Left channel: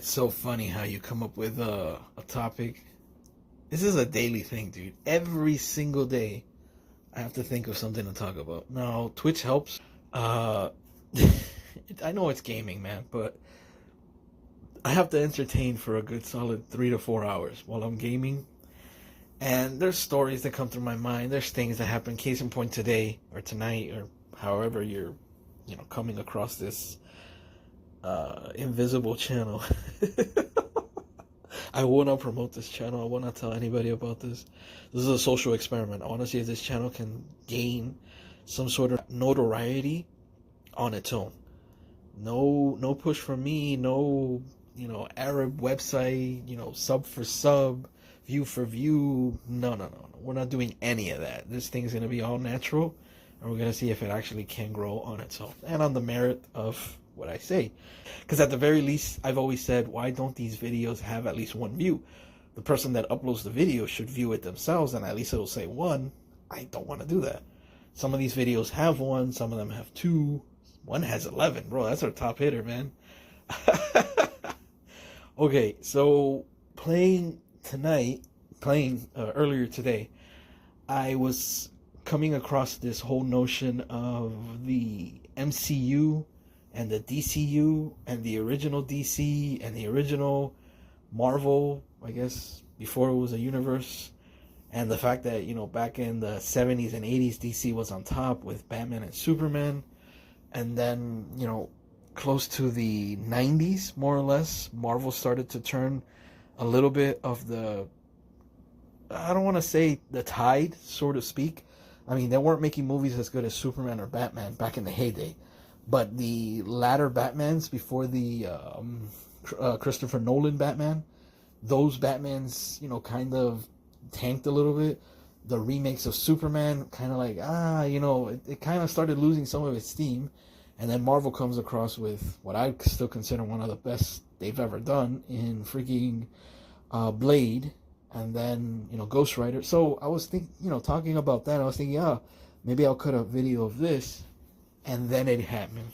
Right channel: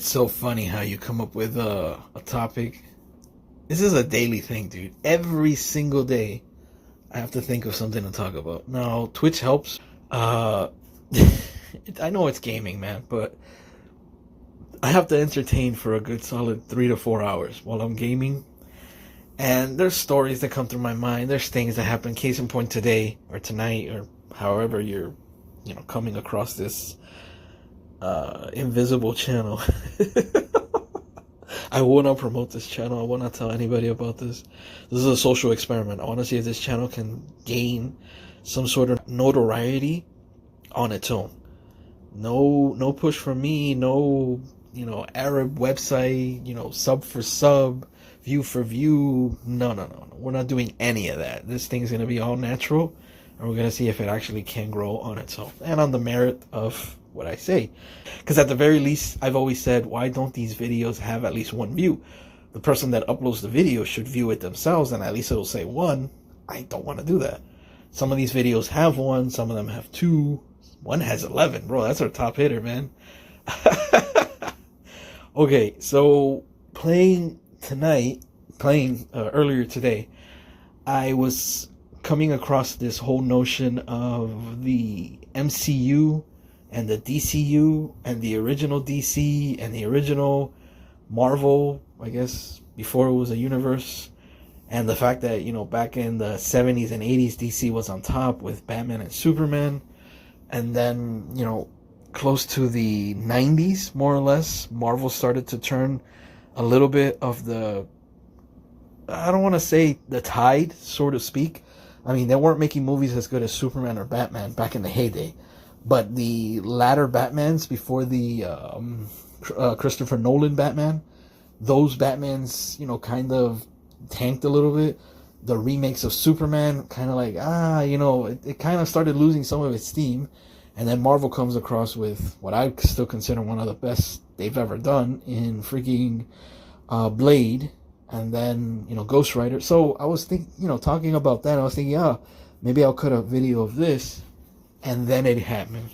it's so funny how you come up with a topic. This is a daily thing, dude. Every single day, I have to think of something to talk about. Now, Twitch helps. Uh, I know it's gaming, man, but I have to entertain for a good solid 3 to 4 hours while I'm gaming. And there's stories that come through my mind. There's things that happen. Case in point, today or tonight or however you're, coming across this invisible channel. I will not promote this channel. I will not tell anybody about this. This is a social experiment. I want to see if this channel can gain some sort of notoriety on its own. No push from me. No, Arab website. Sub for sub, view for view. No. We're not doing any of that. This thing's gonna be all natural, and we're gonna see if it actually can grow on its own and on the merit of what I say. Because at the very least, I've always said, why don't these videos have at least one view? The person that uploads the video should view it themselves, and at least it'll say one. I don't want to do that. Some of these videos have one, some of them have two. One has 11, bro. That's our top hitter, man. Okay, so playing earlier today, I was coming across this whole notion of the MCU and the DCU and the original DC and the original Marvel, I guess, before it was a universe. And the fact that, back in the 70s and 80s, DC was on top with Batman and Superman. And then, close to the 90s, more or less, Marvel started to turn a little bit of the, I don't want to say the tide, so to speak. I mean, they weren't making movies as good as Superman or Batman back in the heyday. But the latter Batmans, before the Christopher Nolan Batman, those Batmans, kind of tanked a little bit. The remakes of Superman, kind of like, it kind of started losing some of its steam. And then Marvel comes across with what I still consider one of the best they've ever done in freaking Blade, and then, Ghost Rider. So I was talking about that, I was thinking, maybe I'll cut a video of this. And then it happened.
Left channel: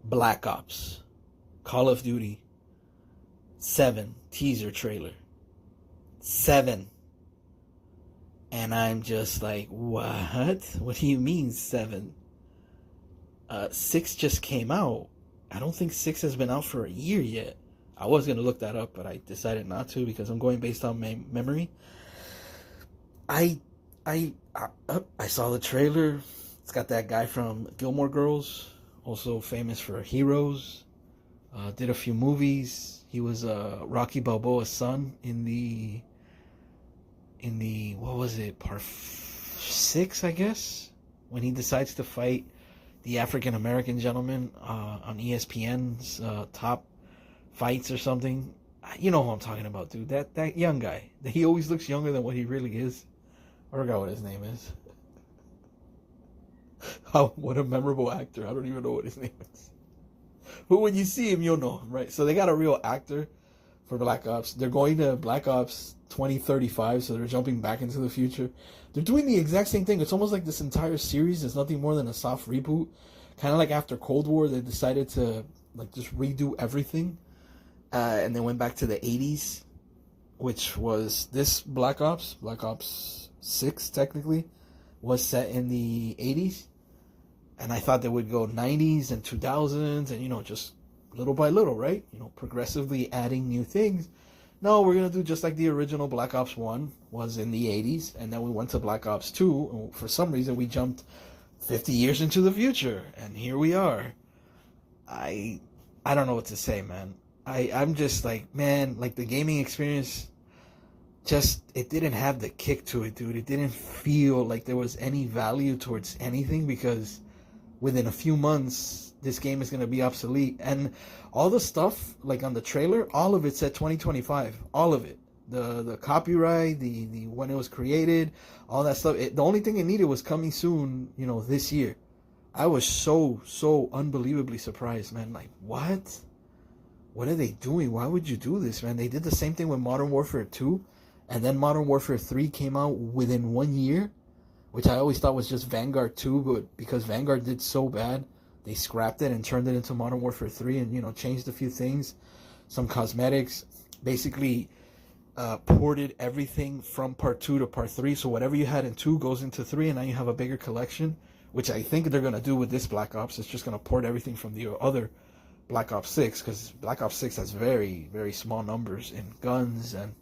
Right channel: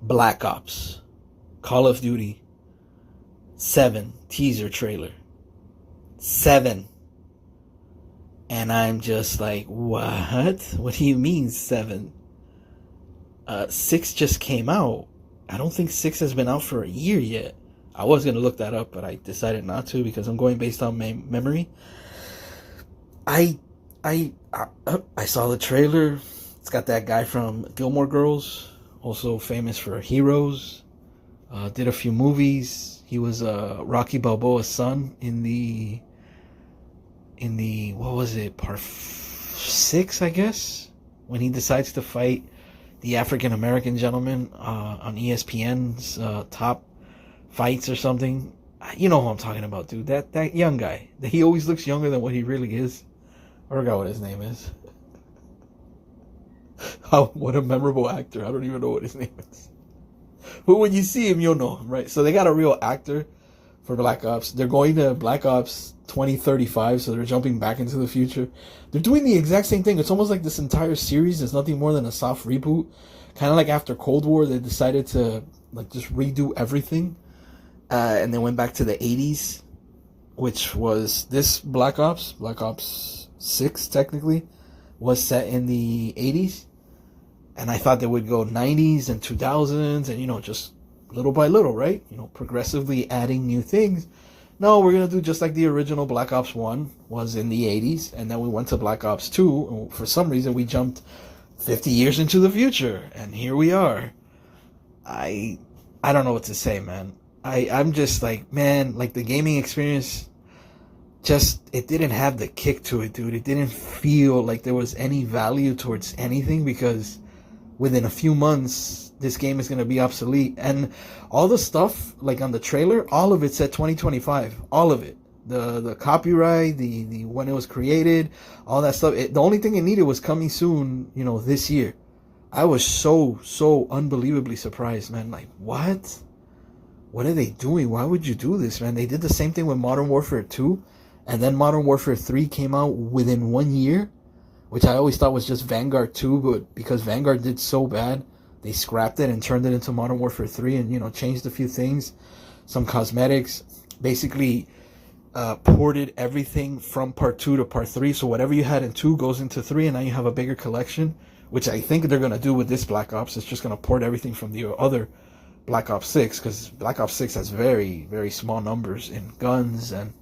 Black Ops, Call of Duty 7 teaser trailer. 7. And I'm just like, what? What do you mean 7? 6 just came out. I don't think 6 has been out for a year yet. I was going to look that up, but I decided not to because I'm going based on memory. I saw the trailer. It's got that guy from Gilmore Girls, also famous for Heroes. Did a few movies. He was Rocky Balboa's son in the what was it, part 6, I guess, when he decides to fight the African American gentleman on ESPN's top fights or something. You know what I'm talking about, dude. That young guy. He always looks younger than what he really is. I forgot what his name is. What a memorable actor. I don't even know what his name is. But when you see him, you'll know him, right? So they got a real actor for Black Ops. They're going to Black Ops 2035, so they're jumping back into the future. They're doing the exact same thing. It's almost like this entire series is nothing more than a soft reboot. Kind of like after Cold War, they decided to just redo everything. And they went back to the 80s, which was this Black Ops 6, technically, was set in the 80s. And I thought they would go 90s and 2000s and, just little by little, right? Progressively adding new things. No, we're going to do just like the original Black Ops 1 was in the 80s. And then we went to Black Ops 2. And for some reason, we jumped 50 years into the future. And here we are. I don't know what to say, man. I'm just like, man, like the gaming experience, it didn't have the kick to it, dude. It didn't feel like there was any value towards anything because within a few months, this game is going to be obsolete. And all the stuff, like on the trailer, all of it said 2025. All of it. The copyright, the when it was created, all that stuff. The only thing it needed was coming soon, this year. I was so unbelievably surprised, man. Like, what? What are they doing? Why would you do this, man? They did the same thing with Modern Warfare 2. And then Modern Warfare 3 came out within 1 year, which I always thought was just Vanguard 2, but because Vanguard did so bad, They scrapped it and turned it into Modern Warfare 3 and, changed a few things, some cosmetics, basically ported everything from part 2 to part 3. So whatever you had in 2 goes into 3, and now you have a bigger collection, which I think they're going to do with this Black Ops. It's just going to port everything from the other Black Ops 6, because Black Ops 6 has very, very small numbers in guns and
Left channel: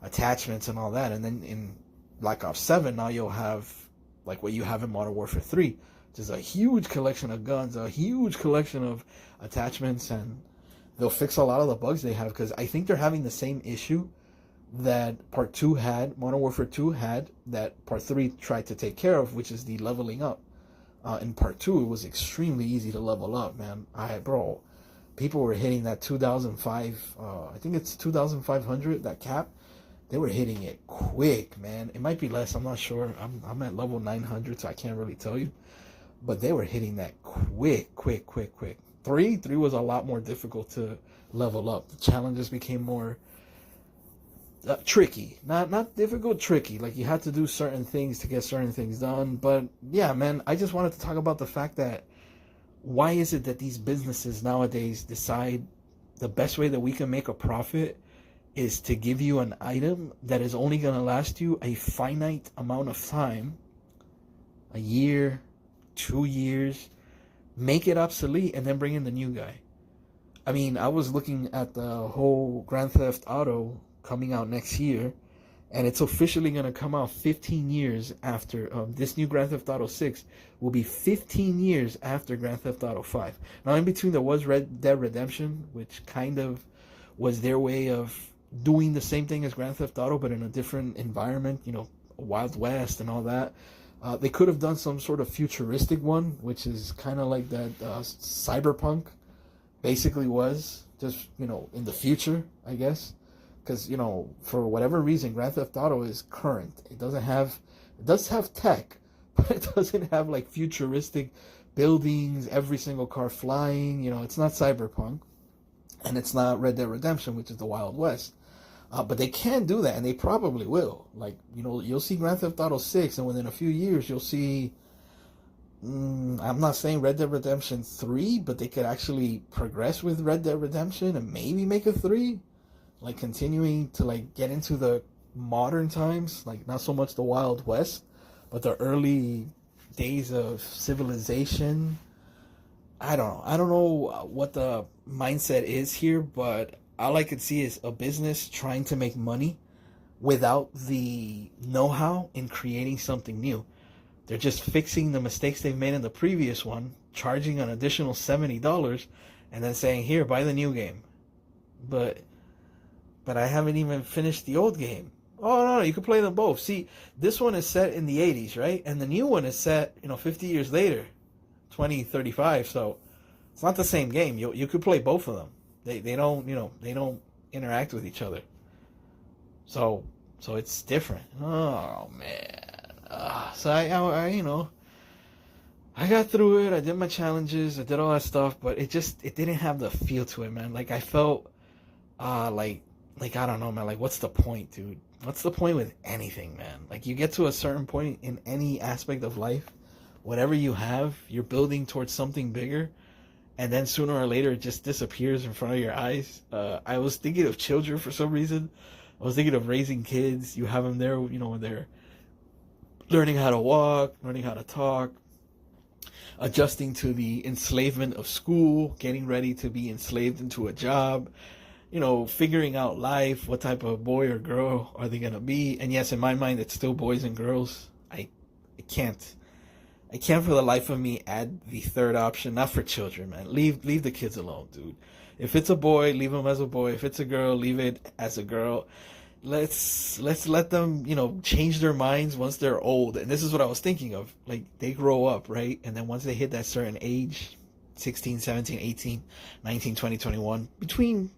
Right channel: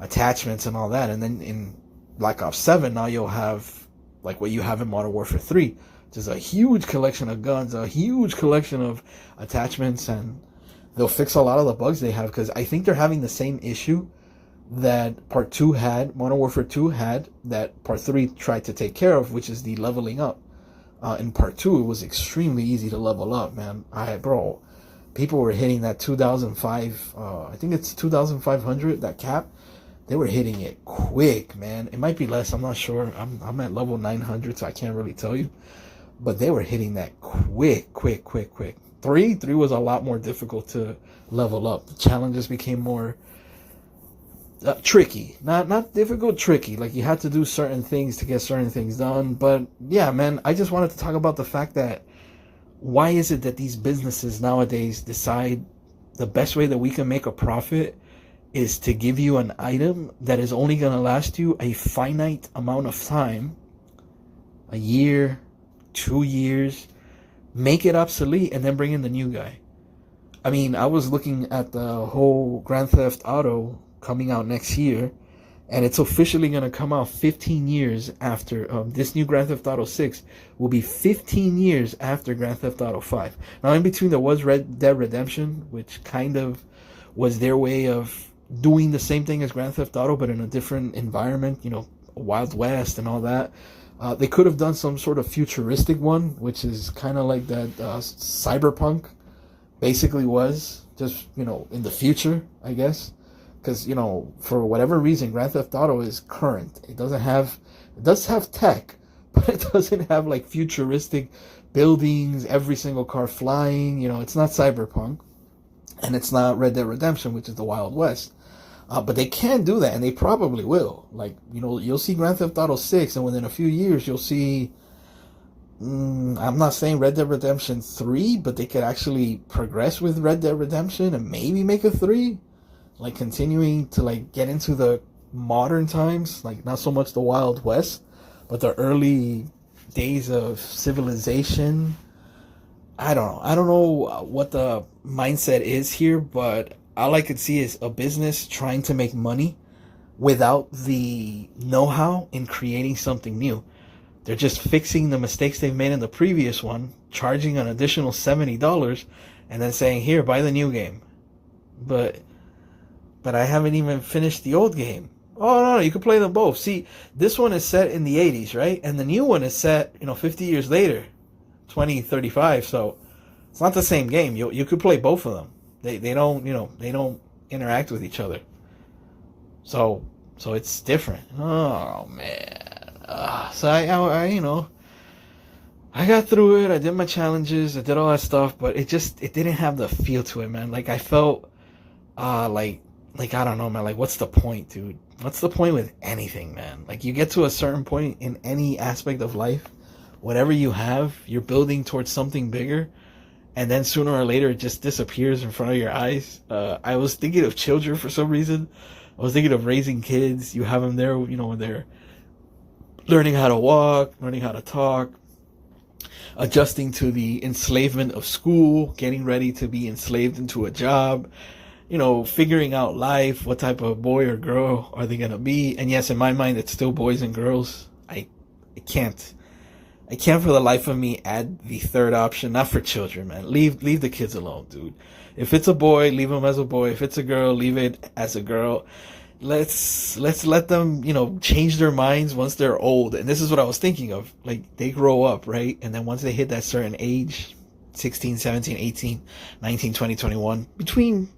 attachments and all that. And then in Black Ops 7, now you'll have like what you have in Modern Warfare 3, which is a huge collection of guns, a huge collection of attachments, and they'll fix a lot of the bugs they have, because I think they're having the same issue that Part 2 had, Modern Warfare 2 had, that Part 3 tried to take care of, which is the leveling up. In Part 2, it was extremely easy to level up, man. People were hitting that 2005, I think it's 2,500, that cap. They were hitting it quick, man. It might be less, I'm not sure. I'm at level 900, so I can't really tell you. But they were hitting that quick. 3 was a lot more difficult to level up. The challenges became more tricky. Not difficult, tricky. Like, you had to do certain things to get certain things done. But yeah, man, I just wanted to talk about the fact that why is it that these businesses nowadays decide the best way that we can make a profit is to give you an item that is only going to last you a finite amount of time, a year, 2 years, make it obsolete, and then bring in the new guy. I mean, I was looking at the whole Grand Theft Auto coming out next year, and it's officially going to come out 15 years after this new Grand Theft Auto 6 will be 15 years after Grand Theft Auto 5. Now, in between, there was Red Dead Redemption, which kind of was their way of doing the same thing as Grand Theft Auto, but in a different environment, Wild West and all that. They could have done some sort of futuristic one, which is kind of like that Cyberpunk basically was, just, in the future, I guess. Because, for whatever reason, Grand Theft Auto is current. It does have tech, but it doesn't have like futuristic buildings, every single car flying. It's not Cyberpunk, and it's not Red Dead Redemption, which is the Wild West. But they can do that, and they probably will. Like, you'll see Grand Theft Auto 6, and within a few years, you'll see, I'm not saying Red Dead Redemption 3, but they could actually progress with Red Dead Redemption and maybe make a 3. Like, continuing to, like, get into the modern times, like, not so much the Wild West, but the early days of civilization. I don't know what the mindset is here, but all I could see is a business trying to make money without the know-how in creating something new. They're just fixing the mistakes they've made in the previous one, charging an additional $70, and then saying, here, buy the new game. But I haven't even finished the old game. Oh, no, you can play them both. See, this one is set in the 80s, right? And the new one is set, 50 years later, 2035, so it's not the same game. You could play both of them. They don't, they don't interact with each other. So it's different. Oh, man. So I got through it. I did my challenges. I did all that stuff, but it didn't have the feel to it, man. Like, I felt, like, I don't know, man. Like, what's the point, dude? What's the point with anything, man? Like, you get to a certain point in any aspect of life, whatever you have, you're building towards something bigger, and then sooner or later it just disappears in front of your eyes. I was thinking of children for some reason. I was thinking of raising kids. You have them there, when they're learning how to walk, learning how to talk, adjusting to the enslavement of school, getting ready to be enslaved into a job, figuring out life, what type of boy or girl are they going to be. And yes, in my mind, it's still boys and girls. I can't for the life of me add the third option. Not for children, man. Leave the kids alone, dude. If it's a boy, leave him as a boy. If it's a girl, leave it as a girl. Let's let them, change their minds once they're old. And this is what I was thinking of. Like, they grow up, right? And then once they hit that certain age, 16, 17, 18, 19, 20, 21, between,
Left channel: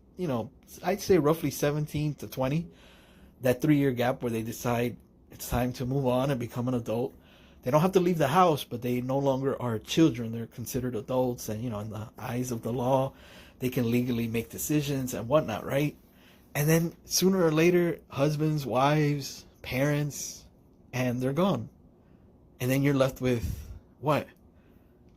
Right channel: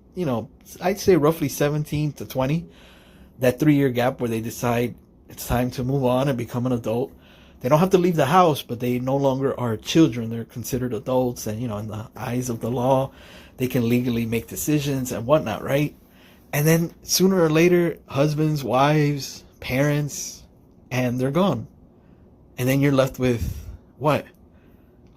I'd say roughly 17 to 20, that 3-year gap where they decide it's time to move on and become an adult. They don't have to leave the house, but they no longer are children. They're considered adults, and, in the eyes of the law, they can legally make decisions and whatnot, right? And then sooner or later, husbands, wives, parents, and they're gone. And then you're left with what?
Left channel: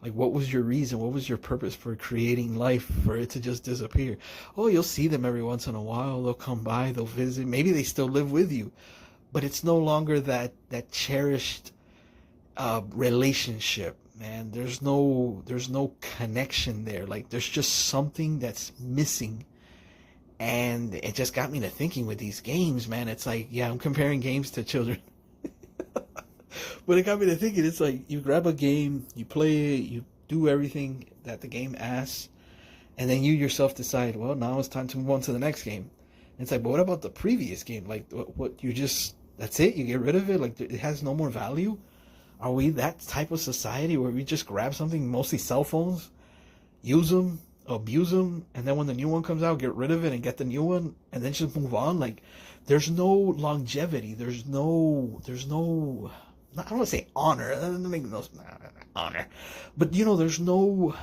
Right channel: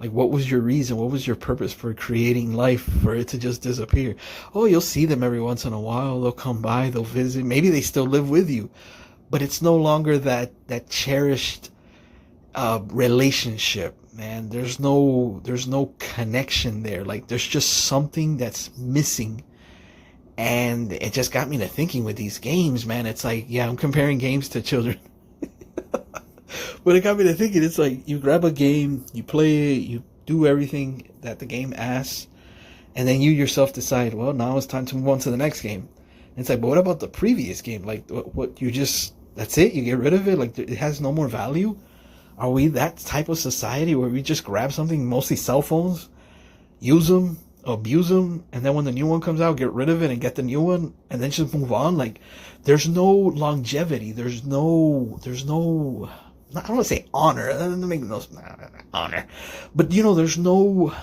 Like, what was your reason? What was your purpose for creating life for it to just disappear? Oh, you'll see them every once in a while. They'll come by, they'll visit. Maybe they still live with you, but it's no longer that cherished relationship, man. There's no connection there. Like, there's just something that's missing. And it just got me to thinking with these games, man. It's like, yeah, I'm comparing games to children. But it got me to thinking, it's like you grab a game, you play it, you do everything that the game asks, and then you yourself decide, well, now it's time to move on to the next game. And it's like, but what about the previous game? Like, what you just, that's it? You get rid of it? Like, it has no more value? Are we that type of society where we just grab something, mostly cell phones, use them, abuse them, and then when the new one comes out, get rid of it and get the new one, and then just move on? Like, there's no longevity. There's no I don't want to say honor. That doesn't make no honor, but there's no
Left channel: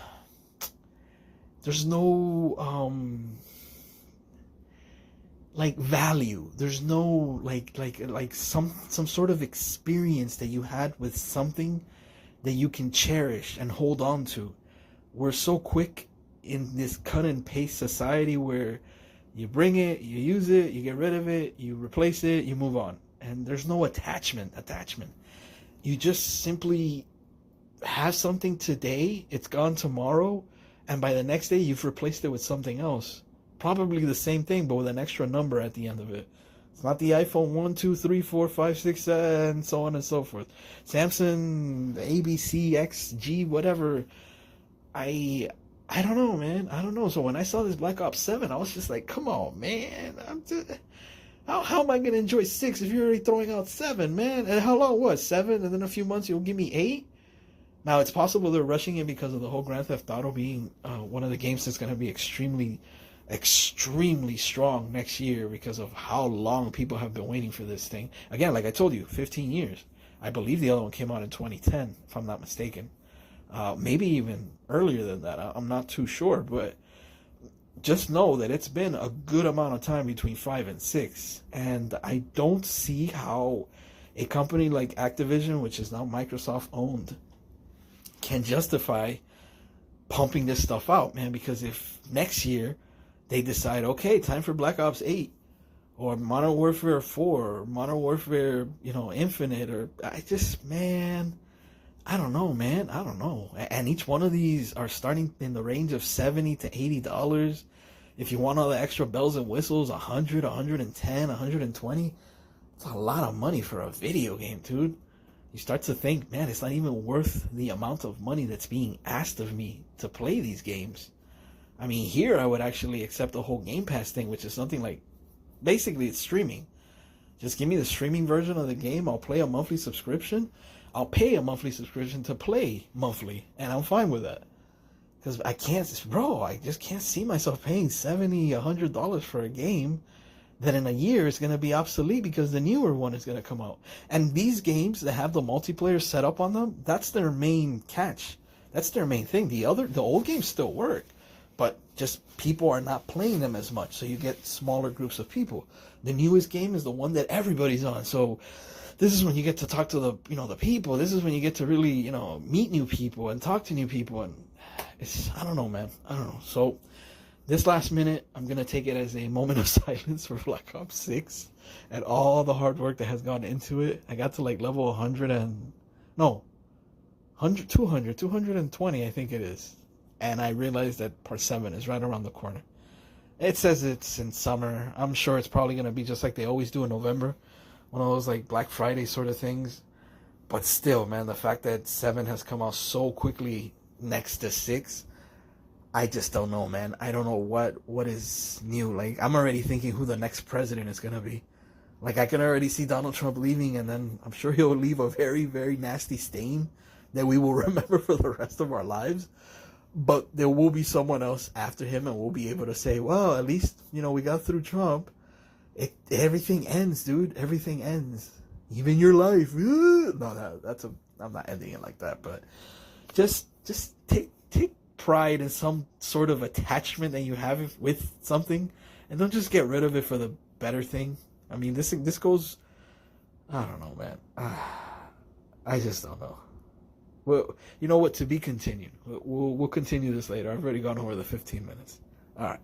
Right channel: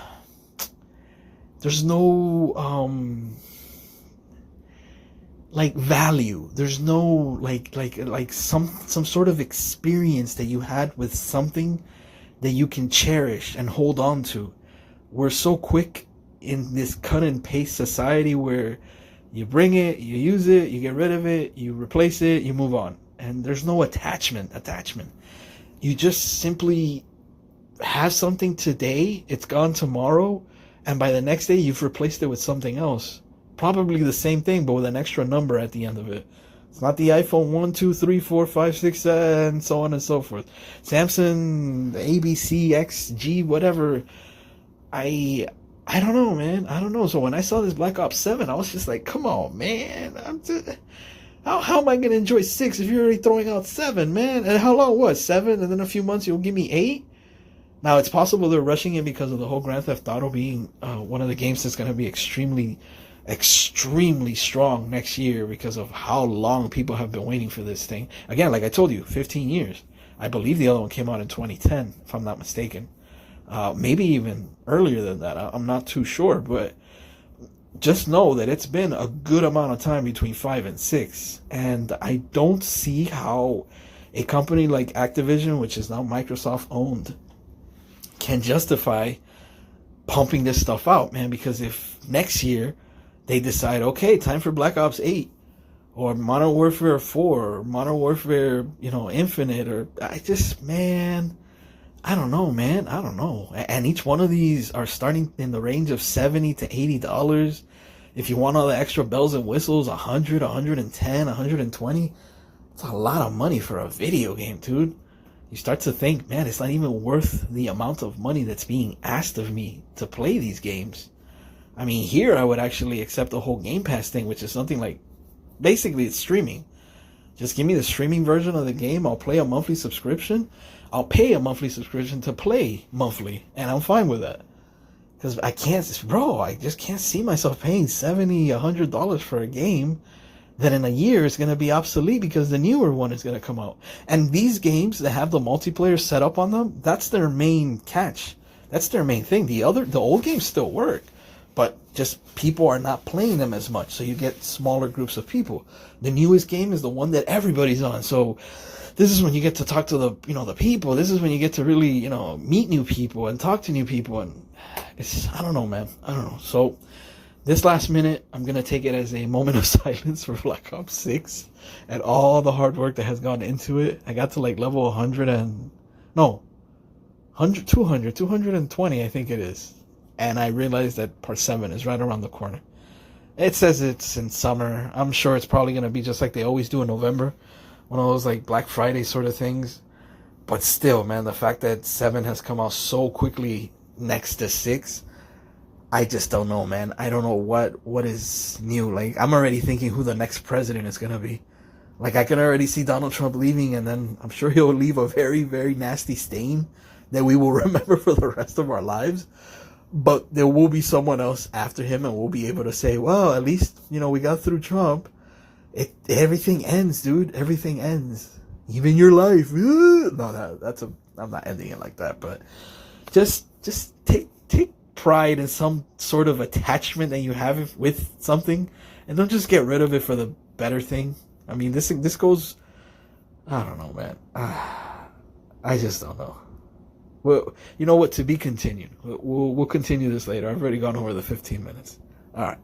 like value. There's no like some sort of experience that you had with something that you can cherish and hold on to. We're so quick in this cut and paste society where you bring it, you use it, you get rid of it, you replace it, you move on, and there's no attachment. You just simply have something today, it's gone tomorrow, and by the next day you've replaced it with something else. Probably the same thing, but with an extra number at the end of it. It's not the iPhone 1, 2, 3, 4, 5, 6, and so on and so forth. Samsung, ABC, XG, whatever. I don't know, man. I don't know. So when I saw this Black Ops 7, I was just like, come on, man. How am I going to enjoy 6 if you're already throwing out 7, man? And how long was 7? And then a few months you'll give me 8? Now, it's possible they're rushing it because of the whole Grand Theft Auto being one of the games that's going to be extremely strong next year because of how long people have been waiting for this thing. Again, like I told you, 15 years. I believe the other one came out in 2010, if I'm not mistaken. Maybe even earlier than that. I'm not too sure, but just know that it's been a good amount of time between 5 and 6, and I don't see how a company like Activision, which is now Microsoft owned, can justify pumping this stuff out, man. Because if next year they decide, okay, time for Black Ops 8 or Modern Warfare 4 or Modern Warfare, Infinite, or I don't know, man. I don't know. And each one of these are starting in the range of $70 to $80. If you want all the extra bells and whistles, 100, 110, 120. It's a lot of money for a video game, dude. You start to think, man, it's not even worth the amount of money that's being asked of me to play these games. I mean, here I would actually accept the whole Game Pass thing, which is something like, basically it's streaming. Just give me the streaming version of the game. I'll play a monthly subscription. I'll pay a monthly subscription to play monthly, and I'm fine with that. Because I just can't see myself paying $70, $100 for a game that in a year is going to be obsolete because the newer one is going to come out. And these games that have the multiplayer set up on them, that's their main catch. That's their main thing. The old games still work, but just people are not playing them as much, so you get smaller groups of people. The newest game is the one that everybody's on, so this is when you get to talk to the people. This is when you get to really, meet new people and talk to new people. And I don't know, man. I don't know. So this last minute, I'm going to take it as a moment of silence for Black Ops 6 and all the hard work that has gone into it. I got to level 220, I think it is. And I realized that part 7 is right around the corner. It says it's in summer. I'm sure it's probably going to be just like they always do in November. One of those Black Friday sort of things. But still, man, the fact that 7 has come out so quickly next to 6, I just don't know, man. I don't know what is new. I'm already thinking who the next president is going to be. I can already see Donald Trump leaving, and then I'm sure he'll leave a very, very nasty stain that we will remember for the rest of our lives. But there will be someone else after him, and we'll be able to say, well, at least, we got through Trump. Everything ends, dude. Everything ends. Even your life. No, I'm not ending it like that, but just take pride in some sort of attachment that you have with something, and don't just get rid of it for the better thing. I mean, this goes, I don't know, man. I just don't know. Well, you know what? To be continued. We'll continue this later. I've already gone over the 15 minutes. All right.